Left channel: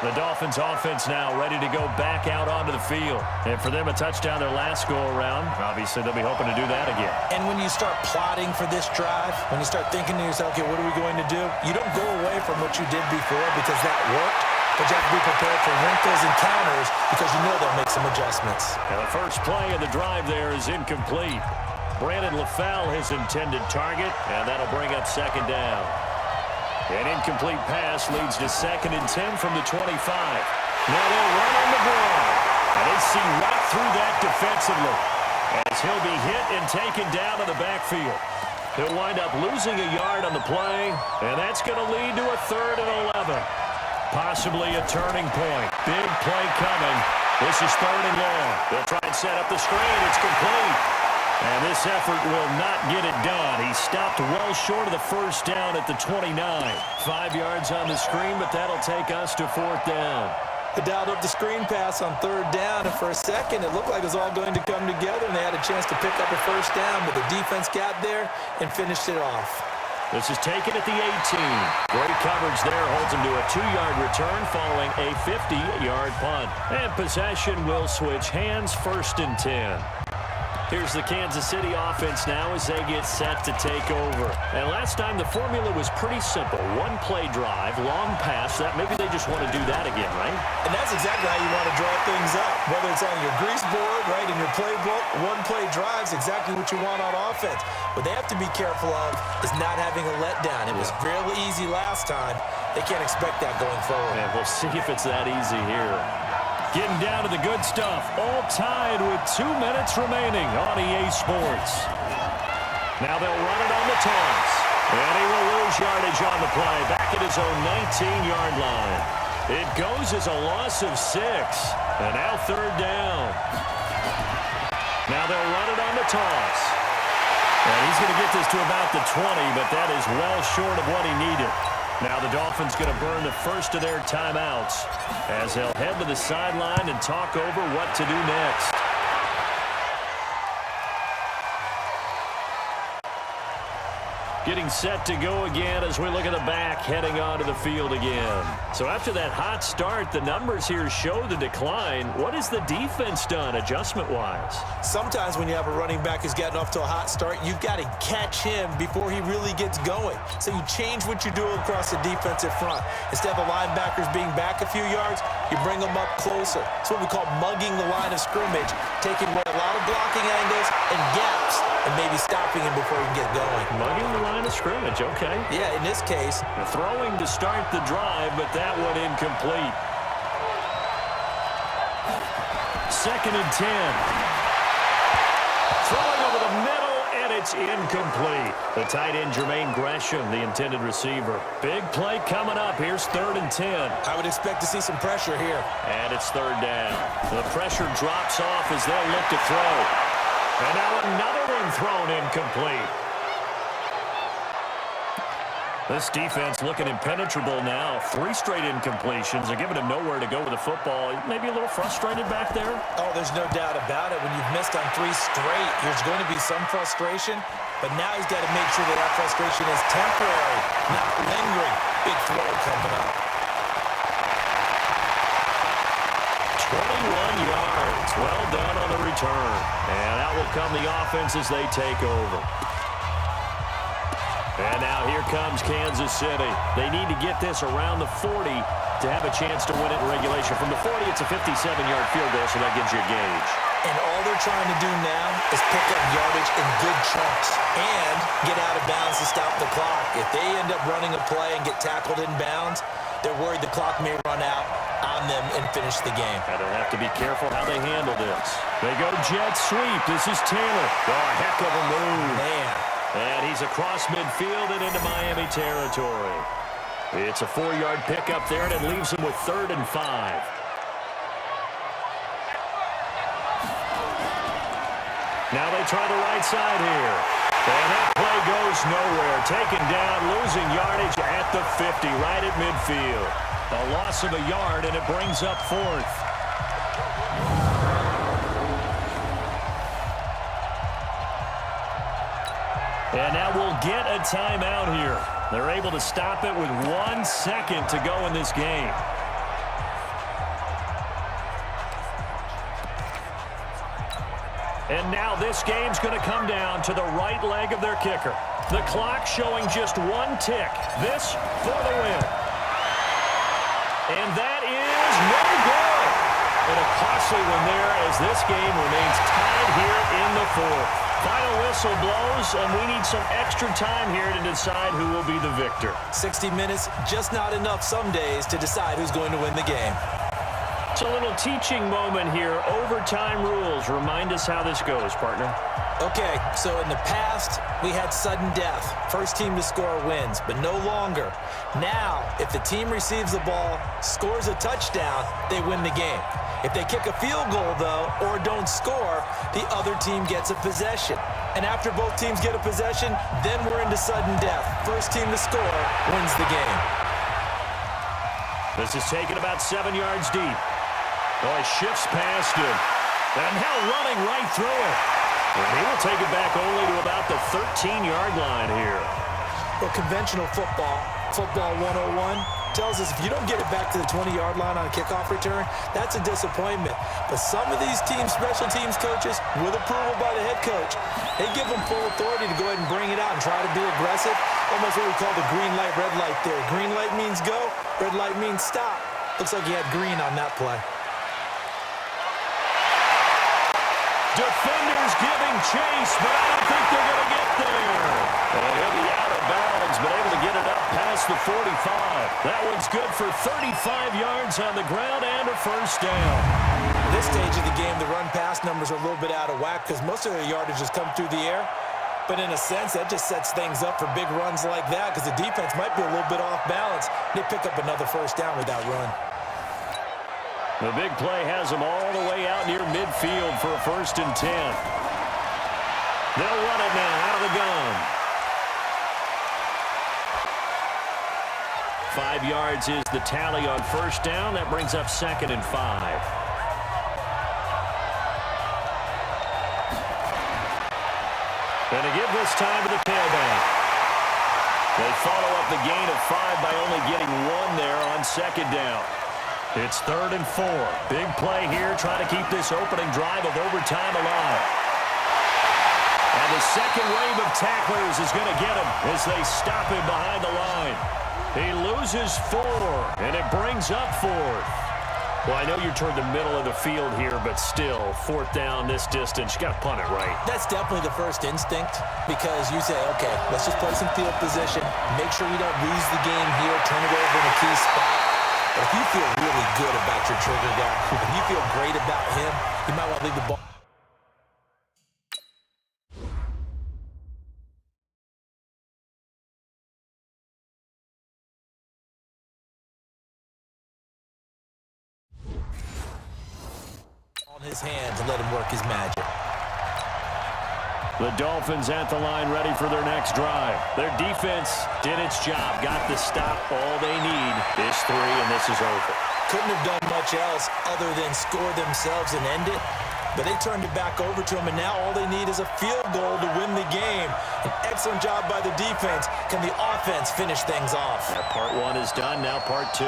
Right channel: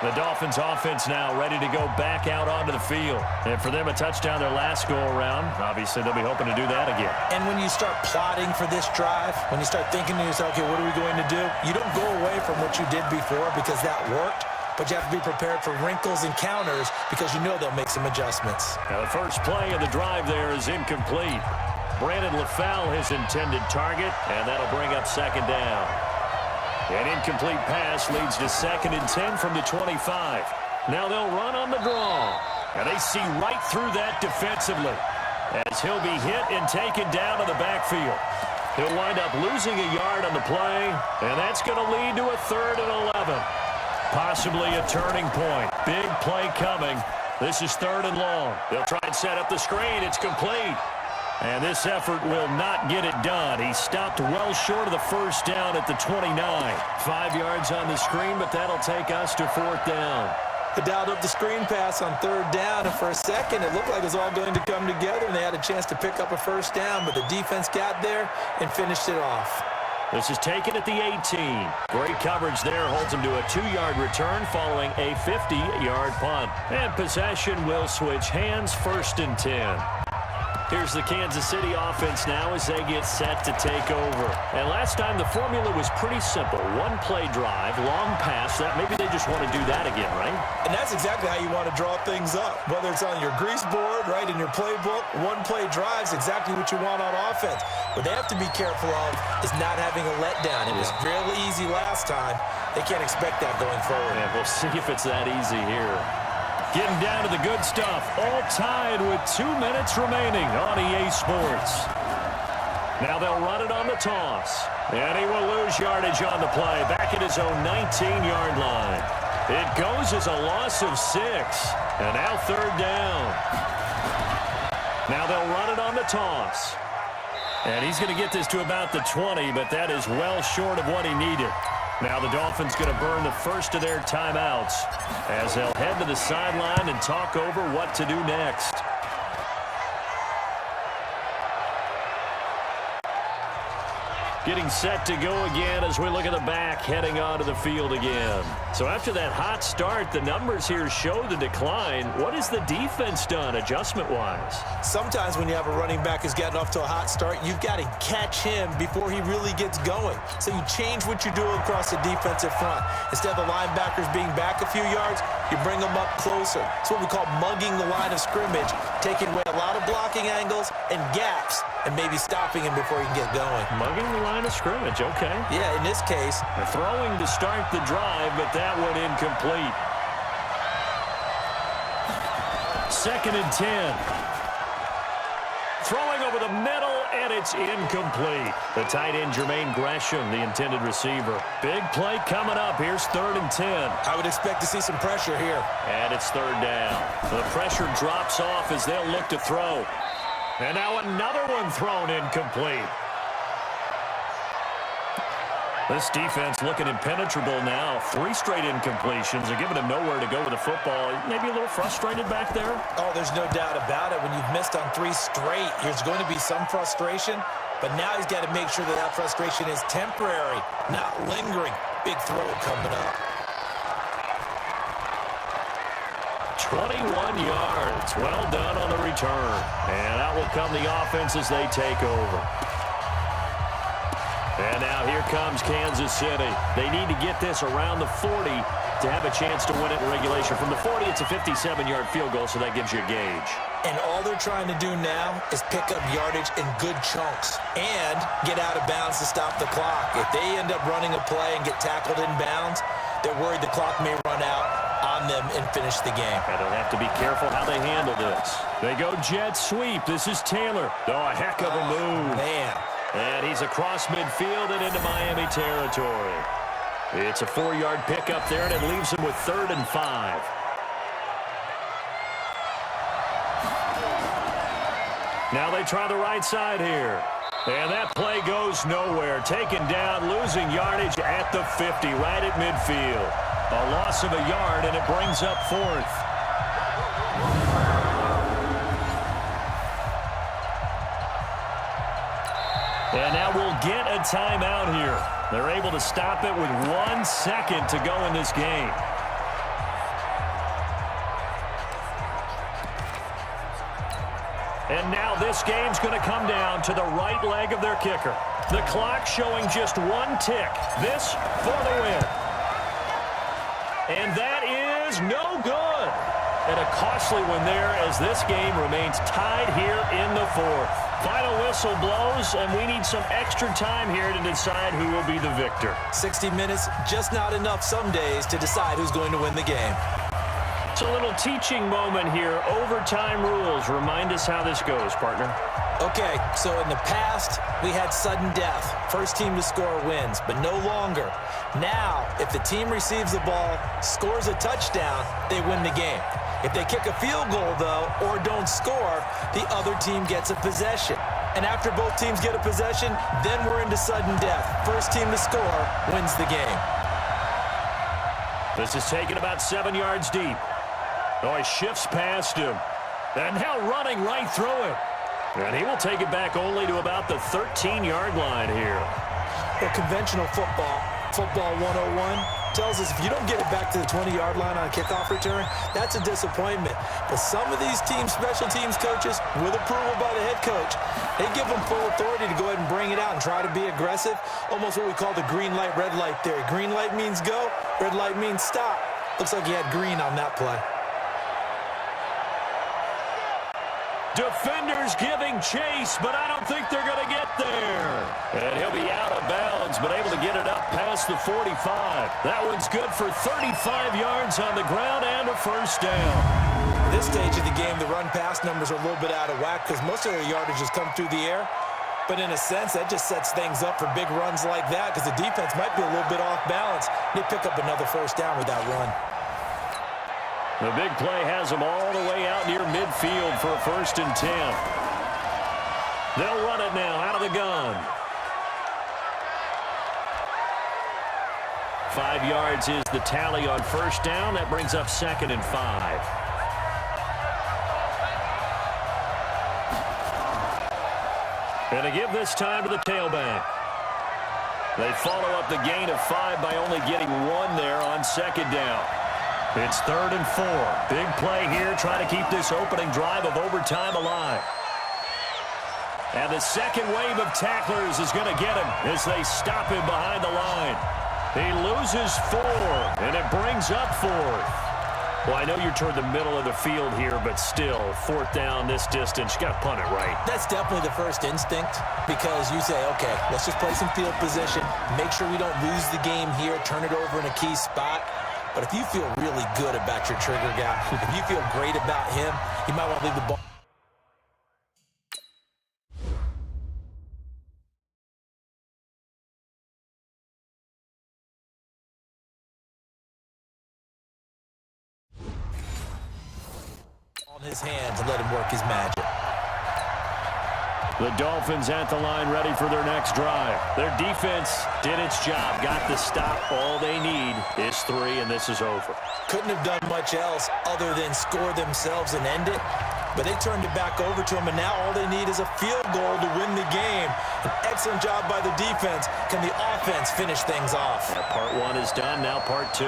The Dolphins offense now ready to go back out onto the field. And for them, a touchdown their last go-around. Obviously, they'll be hoping to do that again. And when you start plotting for this drive, when you start thinking to yourself, okay, what are we going to do? You don't go away from what you did before because that worked, but you have to be prepared for wrinkles and counters because you know they'll make some adjustments. Now, the first play of the drive there is incomplete. Brandon LaFell, his intended target, and that'll bring up second down. An incomplete pass leads to 2nd and 10 from the 25. Now they'll run on the draw. And they see right through that defensively as he'll be hit and taken down to the backfield. He'll wind up losing a yard on the play, and that's going to lead to a 3rd and 11. Possibly a turning point. Big play coming. This is 3rd and long. They'll try and set up the screen. It's complete. And this effort will not get it done. He stopped well short of the first down at the 29. 5 yards on the screen, but that'll take us to 4th down. They dialed up the screen pass on 3rd down, and for a second it looked like it was all going to come together, and they had a chance to pick up a first down, but the defense got there and finished it off. This is taken at the 18. Great coverage there, holds him to a 2-yard return following a 50-yard punt. And possession will switch hands, 1st and 10. Here's the Kansas City offense now as they get set to take over. And last time the formula was pretty simple. 1-play drive, long pass. That maybe they just want to do that again, right? And that's exactly how you want to draw things up. Whether it's on your grease board, right, in your playbook, 1-play drive's exactly what you want on offense. What they have to be careful of is not having a letdown. It was real easy last time. They can't expect that going forward. And we'll see if it's that easy here. Getting down to the good stuff, all tied with 2 minutes remaining on EA Sports. Now they'll run it on the toss. And he will lose yardage on the play, back at his own 19-yard line. It goes as a loss of 6. And now 3rd down. Now they'll run it on the toss. And he's going to get this to about the 20, but that is well short of what he needed. Now the Dolphins going to burn the first of their timeouts as they'll head to the sideline and talk over what to do next. Getting set to go again as we look at the back heading onto the field again. So after that hot start, the numbers here show the decline. What has the defense done adjustment-wise? Sometimes when you have a running back who's gotten off to a hot start, you've got to catch him before he really gets going. So you change what you do across the defensive front. Instead of the linebackers being back a few yards, you bring them up closer. It's what we call mugging the line of scrimmage, taking away a lot of blocking angles and gaps and maybe stopping him before he can get going. Mugging the line of scrimmage, okay. Yeah, in this case. Throwing to start the drive, but that one incomplete. 2nd and 10. Throwing over the middle, and it's incomplete. The tight end, Jermaine Gresham, the intended receiver. Big play coming up. Here's 3rd and 10. I would expect to see some pressure here. And it's 3rd down. The pressure drops off as they'll look to throw. And now another one thrown incomplete. This defense looking impenetrable now. 3 straight incompletions. They're giving him nowhere to go with the football. Maybe a little frustrated back there? Oh, there's no doubt about it. When you've missed on 3 straight, there's going to be some frustration. But now he's got to make sure that that frustration is temporary, not lingering. Big throw coming up. 21 yards. Well done on the return. And out will come the offense as they take over. And now here comes Kansas City. They need to get this around the 40 to have a chance to win it in regulation. From the 40, it's a 57-yard field goal, so that gives you a gauge. And all they're trying to do now is pick up yardage in good chunks and get out of bounds to stop the clock. If they end up running a play and get tackled in bounds, they're worried the clock may run out on them and finish the game. And they'll have to be careful how they handle this. They go jet sweep. This is Taylor. Oh, a heck of a move. Man. And he's across midfield and into Miami territory. It's a 4-yard pickup there, and it leaves him with 3rd and 5. Now they try the right side here. And that play goes nowhere. Taken down, losing yardage at the 50, right at midfield. A loss of a yard, and it brings up 4th. And now we'll get a timeout here. They're able to stop it with 1 second to go in this game. And now this game's going to come down to the right leg of their kicker. The clock showing just one tick. This for the win. And that is no good. And a costly one there as this game remains tied here in the fourth. Final whistle blows, and we need some extra time here to decide who will be the victor. 60 minutes, just not enough some days to decide who's going to win the game. It's a little teaching moment here. Overtime rules. Remind us how this goes, partner. Okay, so in the past, we had sudden death. First team to score wins, but no longer. Now, if the team receives the ball, scores a touchdown, they win the game. If they kick a field goal, though, or don't score, the other team gets a possession. And after both teams get a possession, then we're into sudden death. First team to score wins the game. This is taken about 7 yards deep. Oh, he shifts past him. And now running right through it. And he will take it back only to about the 13-yard line here. Well, conventional football 101, tells us if you don't get it back to the 20-yard line on a kickoff return, that's a disappointment. But some of these teams, special teams coaches, with approval by the head coach, they give them full authority to go ahead and bring it out and try to be aggressive, almost what we call the green light, red light theory. Green light means go, red light means stop. Looks like he had green on that play. Defenders giving chase, but I don't think they're going to get there. And he'll be out of bounds, but able to get it up past the 45. That one's good for 35 yards on the ground and a first down. At this stage of the game, the run-pass numbers are a little bit out of whack because most of their yardage has come through the air. But in a sense, that just sets things up for big runs like that because the defense might be a little bit off balance. They pick up another first down with that run. The big play has them all the way out near midfield for a 1st and 10. They'll run it now out of the gun. 5 yards is the tally on first down. That brings up 2nd and 5. And to give this time to the tailback. They follow up the gain of 5 by only getting 1 there on 2nd down. It's 3rd and 4. Big play here, trying to keep this opening drive of overtime alive. And the second wave of tacklers is going to get him as they stop him behind the line. He loses 4, and it brings up 4th. Well, I know you're toward the middle of the field here, but still, 4th down this distance, you got to punt it right. That's definitely the first instinct because you say, okay, let's just play some field position, make sure we don't lose the game here, turn it over in a key spot. But if you feel really good about your trigger guy, if you feel great about him, you might want to leave the ball. On his hands and let him work his magic. The Dolphins at the line ready for their next drive. Their defense did its job, got the stop. All they need is 3, and this is over. Couldn't have done much else other than score themselves and end it. But they turned it back over to him, and now all they need is a field goal to win the game. An excellent job by the defense. Can the offense finish things off? That part 1 is done, now part 2.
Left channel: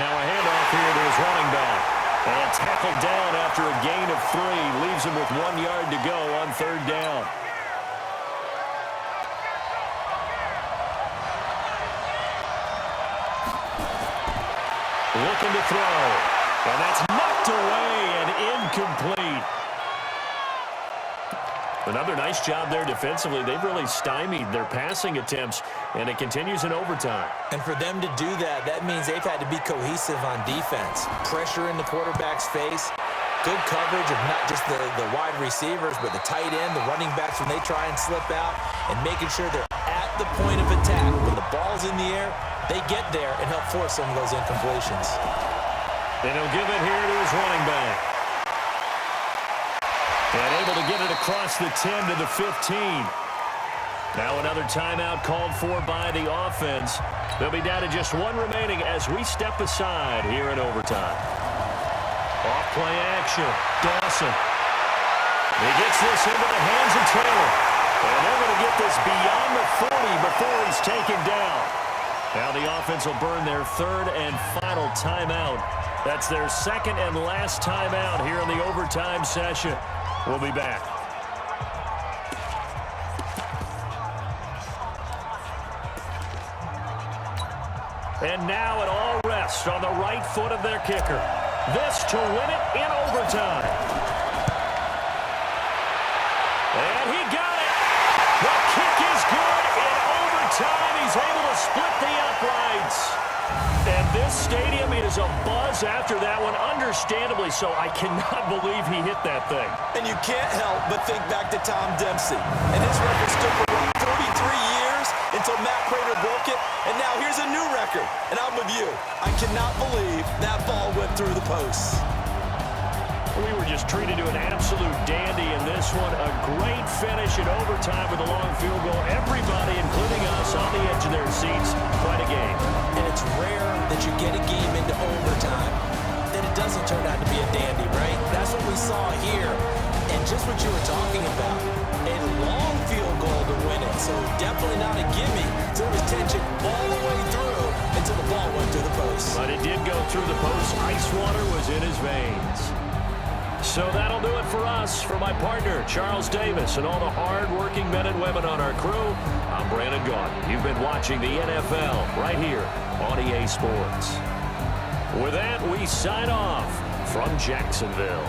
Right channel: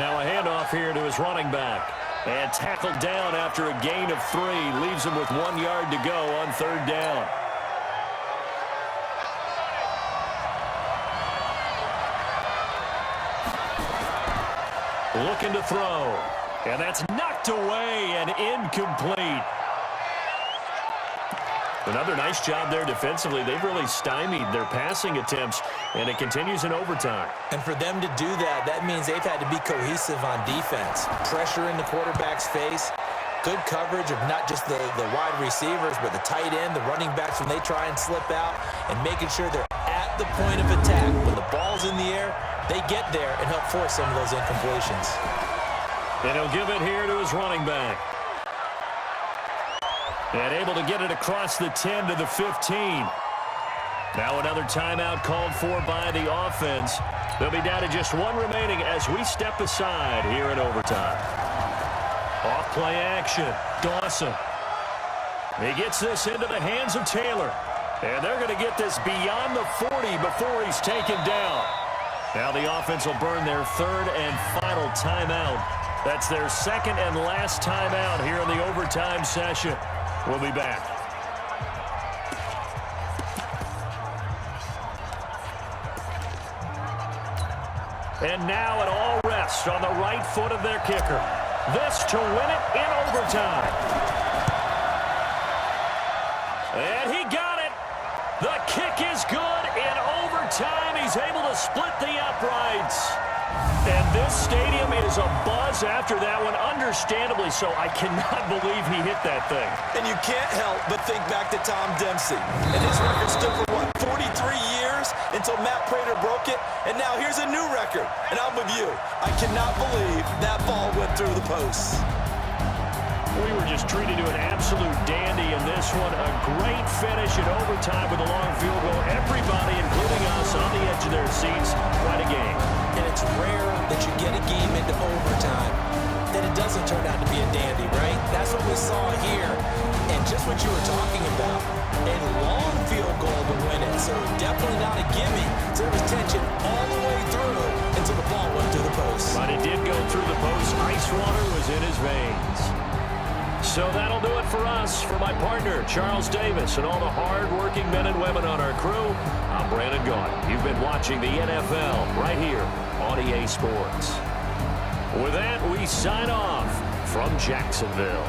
Now a handoff here to his running back. And tackled down after a gain of 3. Leaves him with 1 yard to go on 3rd down. Looking to throw. And that's knocked away and incomplete. Another nice job there defensively. They've really stymied their passing attempts, and it continues in overtime. And for them to do that, that means they've had to be cohesive on defense. Pressure in the quarterback's face, good coverage of not just the wide receivers, but the tight end, the running backs when they try and slip out, and making sure they're at the point of attack. When the ball's in the air, they get there and help force some of those incompletions. And he'll give it here to his running back. And able to get it across the 10 to the 15. Now another timeout called for by the offense. They'll be down to just 1 remaining as we step aside here in overtime. Off play action. Dawson. He gets this into the hands of Taylor. And they're going to get this beyond the 40 before he's taken down. Now the offense will burn their 3rd and final timeout That's their second and last timeout here in the overtime session. We'll be back. And now it all rests on the right foot of their kicker. This to win it in overtime. And he got it. The kick is good in overtime. He's able to split the uprights. And this stadium is abuzz after that one, understandably so. I cannot believe he hit that thing. And you can't help but think back to Tom Dempsey. And his record stood for, what, 43 years until Matt Prater broke it? And now here's a new record. And I'm with you. I cannot believe that ball went through the posts. We were just treated to an absolute dandy in this one. A great finish in overtime with a long field goal. Everybody, including us, on the edge of their seats. Quite a game. And it's rare that you get a game into overtime that it doesn't turn out to be a dandy, right? That's what we saw here. And just what you were talking about, a long field goal to win it. So definitely not a gimme. So there was tension all the way through until the ball went through the post. But it did go through the post. Ice water was in his veins. So that'll do it for us. For my partner, Charles Davis, and all the hard-working men and women on our crew, I'm Brandon Gaudin. You've been watching the NFL right here on EA Sports. With that, we sign off from Jacksonville.